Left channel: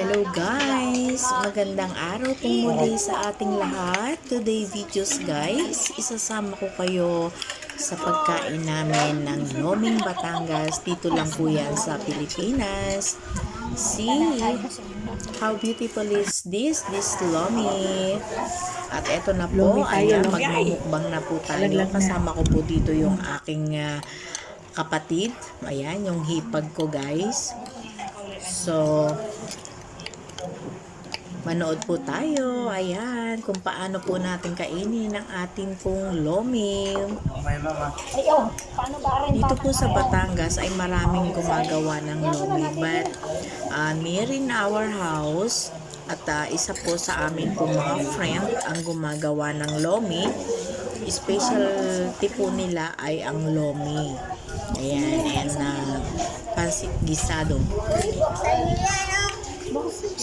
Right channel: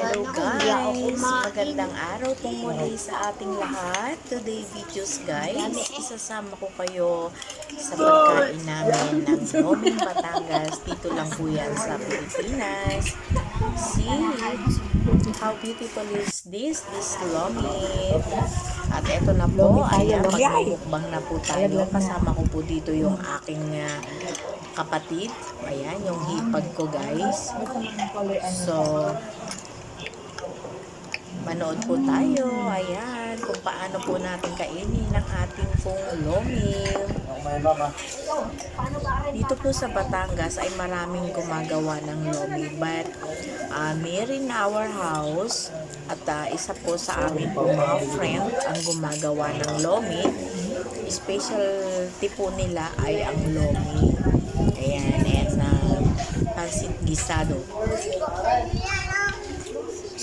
Hello guys! Magandang araw pong muli sa ating lahat. Today videos guys, isasama ko kayo sa pagkain namin ng Loming Batangas. Dito lang po yan sa Pilipinas. See how beautiful is this? This Lomi. At eto na po, ayan, magmumukbang na po tayo. Kasama ko po dito yung aking ah, kapatid. Ayan, yung hipag ko guys. So, manood po tayo. Ayan, kung paano po natin kainin ang ating pong lomi. Dito po sa Batangas ay maraming gumagawa ng lomi. But, uh, near in our house, at ah, isa po sa amin pong mga friend ang gumagawa ng lomi. Specialty po nila ay ang lomi. Ayan, and uh, pansit gisado.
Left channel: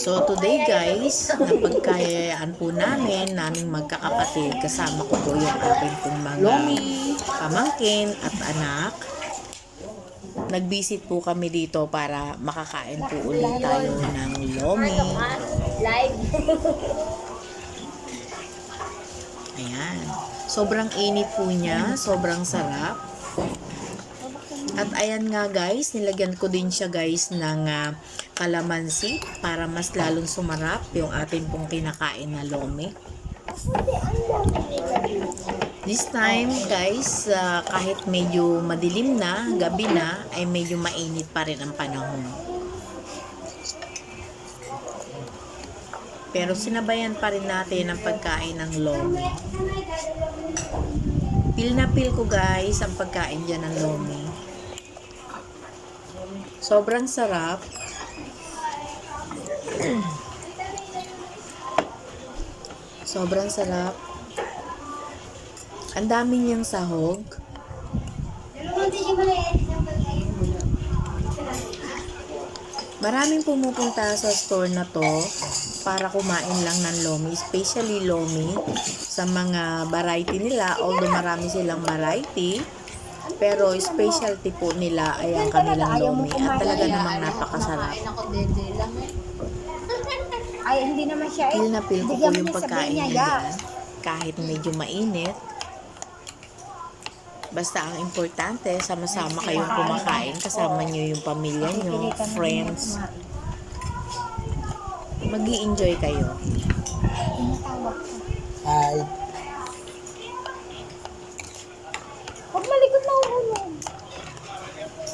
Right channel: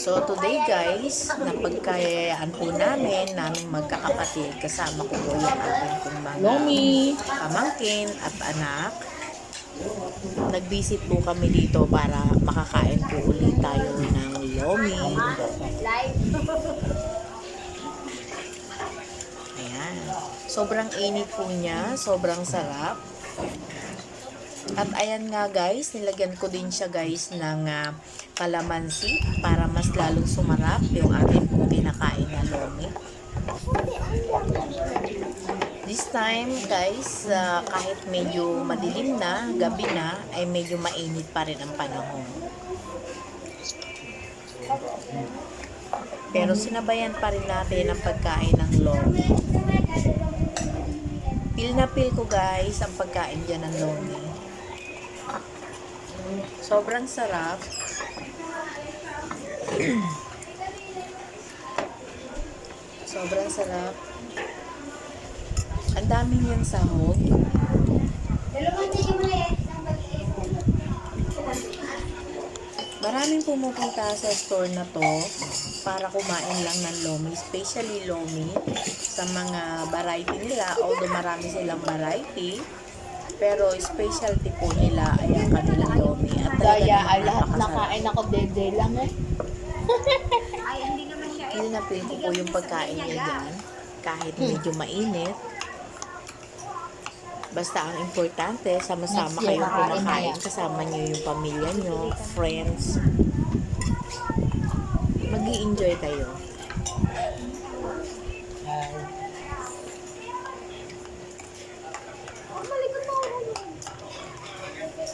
So today guys, napagkayayaan po namin, naming magkakapatid, kasama ko po yung aking pong mga Lomi. pamangkin at anak. Nag-visit po kami dito para makakain po ulit tayo ng lomi. Ayan. Sobrang init po niya, sobrang sarap. At ayan nga guys, nilagyan ko din siya guys ng ah, kalamansi para mas lalong sumarap yung ating pong pinakain na lomi. This time guys, ah, kahit medyo madilim na, gabi na, ay medyo mainit pa rin ang panahon. Pero sinabayan pa rin natin ang pagkain ng lomi. Pil na pil ko guys ang pagkain dyan ng lomi. Sobrang sarap. Sobrang sarap. Ang dami niyang sahog. Maraming pumupunta sa store na to para kumain lang ng lomi, especially lomi sa mga variety nila. Although marami silang variety, pero specialty po nila ay ang kanilang lomi at talaga namang napakasarap. Nakain ako dede lang eh. Ay, hindi naman siya eh. Feel na feel ko po yung pagkain niya dyan. Kahit medyo mainit. Basta ang importante, sama-sama kayong kumakain. Kasama nyo yung pamilya nyo, friends. mag enjoy kayo. Ay. Huwag malikot na ako yan.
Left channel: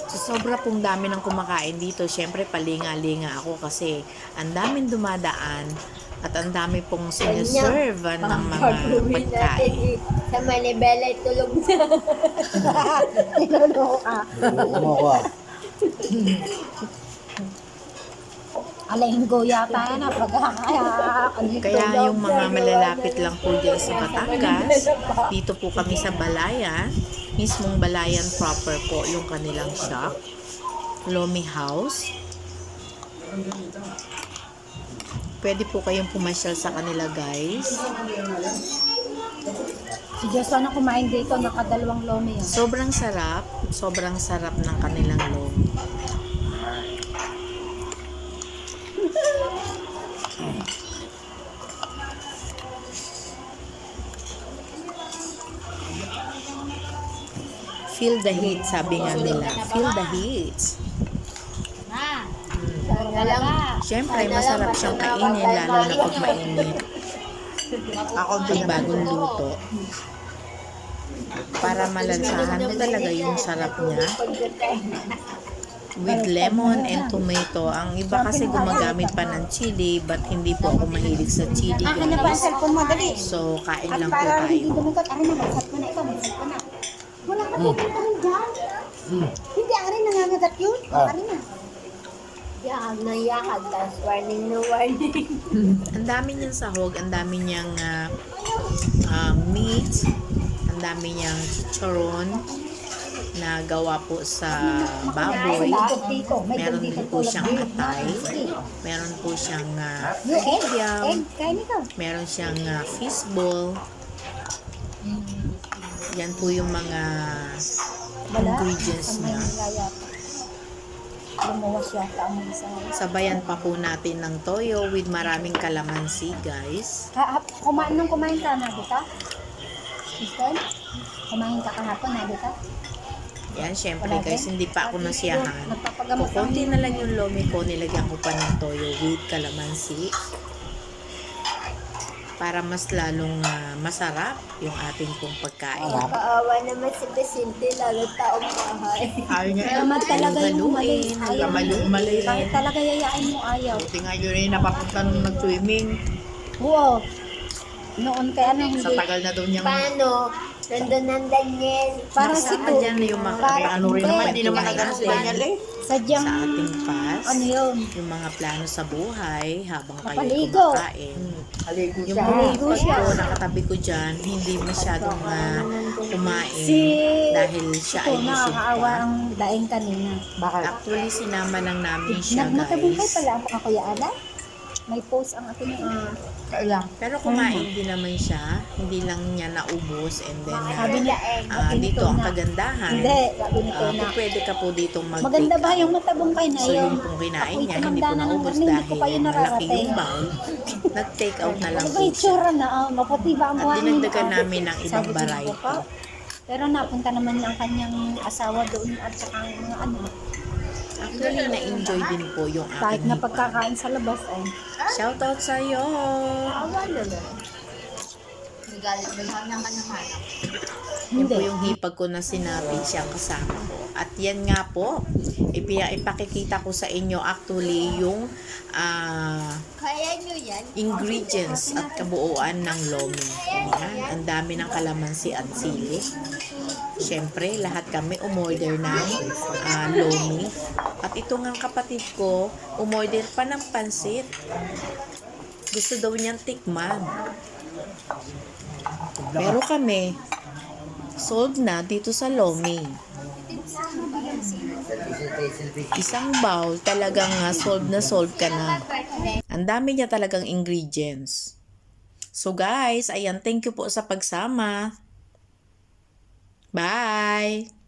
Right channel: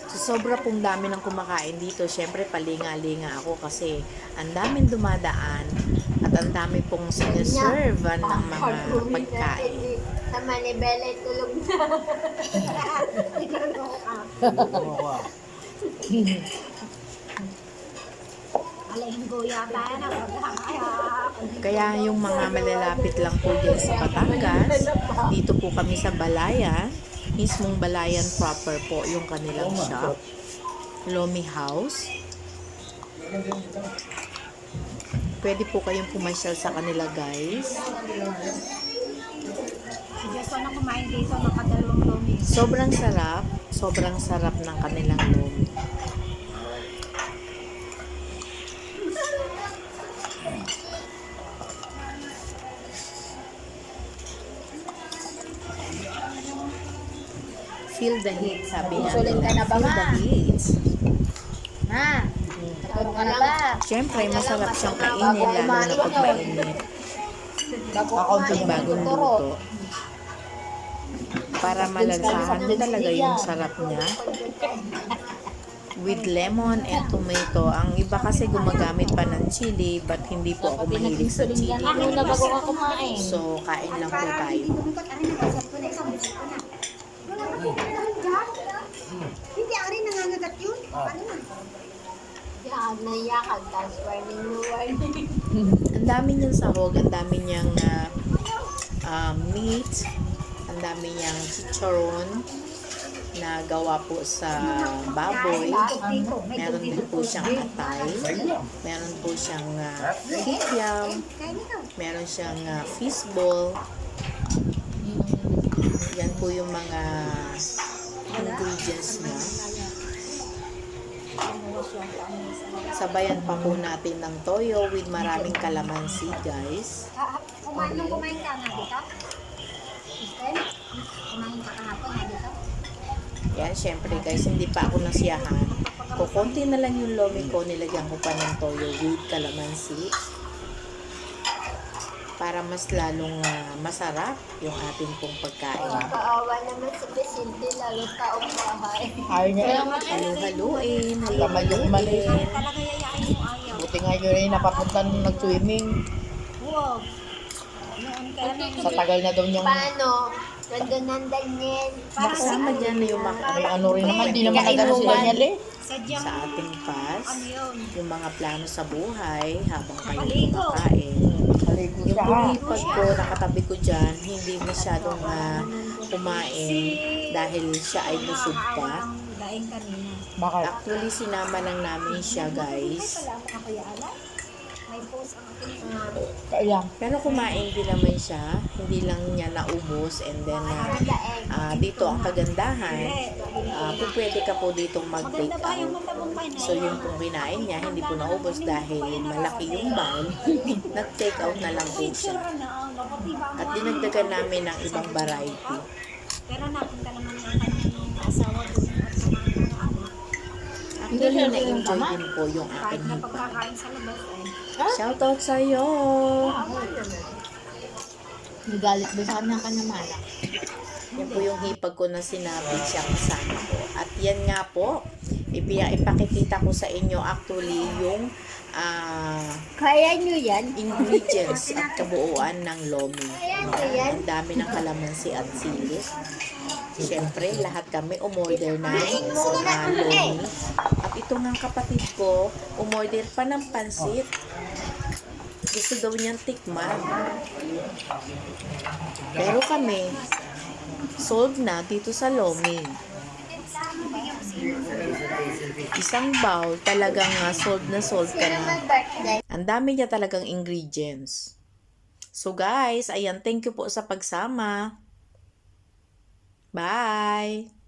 So, sobra pong dami ng kumakain dito. Siyempre, palinga-linga ako kasi ang daming dumadaan at ang dami pong sinaserve ng mga pagkain. Sa Manibela tulog na. Niloloka. Alinggo yata yan ah. Pag Kaya yung mga malalapit lang po dyan sa Batangas, dito po kami sa Balayan, mismong Balayan proper po yung kanilang shop, Lomi House. Pwede po kayong pumasyal sa kanila guys. Si na kumain dito, nakadalawang lomi. Sobrang sarap, sobrang sarap ng kanilang lomi. Feel the heat, sabi nga nila. Feel the heat. Ba? Siyempre, masarap siyang kainin, lalo na pag mainit. Pag bagong luto. Para malansahan mo talaga yung sarap niya. With lemon and tomato. Ang iba kasi gumagamit pa ng chili, but hindi po ako mahilig sa chili, guys. So, kain lang po tayo. Wala ka pupuntahan dyan. Hindi, ari nangangagat yun. Ari na. Yakag na yakag. Tapos warning na warning. Ang dami niyang sahog, ang dami niyang ah, ah, meat, ang dami niyang chicharon na gawa po sa baboy. Meron din po siyang atay. Meron po siyang uh, kikiam. Kain ikaw. Meron siyang uh, fishball. Yan po yung mga ingredients niya. Sabayan pa po natin ng toyo with maraming kalamansi, guys. Kumain nung kumain ka na dito? Kristen? Kumain ka kahapon na dito? Yan, syempre guys, hindi pa ako nasiyahan. Kukunti na lang yung lomi ko, nilagyan ko pa ng toyo with kalamansi. Para mas lalong ah, masarap yung ating pong pagkain. Kaawa naman si Vicente, lalo taong bahay. Ayaw. Kaya naman talaga ayaw. halu-haluin. Bakit talaga yayain mo ayaw? Buti nga yun yung napapunta nung nag-swimming. Oo. Noon kaya nang hindi. Sa tagal na daw niyang... Paano? Nandun ang Daniel. Para Kasama si dyan na yung mga May ano rin naman, hindi naman nag-ano natin ganyan eh. Sadyang, sa ating pass. ano yun? Yung mga plano sa buhay habang kayo Napaligo. kumakain. Haligo Yung siya. bulipag ko, nakatabi ko dyan, hindi masyadong ah, kumain dahil siya ay busog pa. ang daing kanina. Bakit? Actually, sinama lang namin siya, guys. pala ang mga kuya Ala. May post ang ating uh, Kaya, Pero kumain din naman siya. Hindi lang niya naubos. And then, ah, eh. ah, dito ang kagandahan. Ah, Kuya. pwede ka po ditong mag-take Maganda ba yung out. matagumpay na So, yun? yung pong kinain niya, hindi po naubos dahil malaki yung bowl. Nag-take out na lang Ano po yung siya. Oh, At dinagdagan namin ng ibang variety. Pero napunta naman ang kanyang asawa doon at saka yung ano. Actually, na-enjoy din po yung Kahit aking na hipa. pagkakain sa labas ay. Shoutout sa'yo! Awa naman. Galit ba sa kanyang kanyang malak? Yan po yung hipag ko na sinabi siya kasama ko. At yan nga po, ipi- ipakikita ko sa inyo actually yung ah, Kaya nyo yan? ingredients at kabuuan ng lomi. Yan, ang dami ng kalamansi at sili. Siyempre, lahat kami umorder ng ah, lomi. At ito nga kapatid ko, umorder pa ng pansit. Gusto daw niyang tikman. Pero kami, sold na dito sa lomi. Isang bowl, talagang ah, sold na sold ka na. Ang dami niya talagang ingredients. So guys, ayan, thank you po sa pagsama. Bye!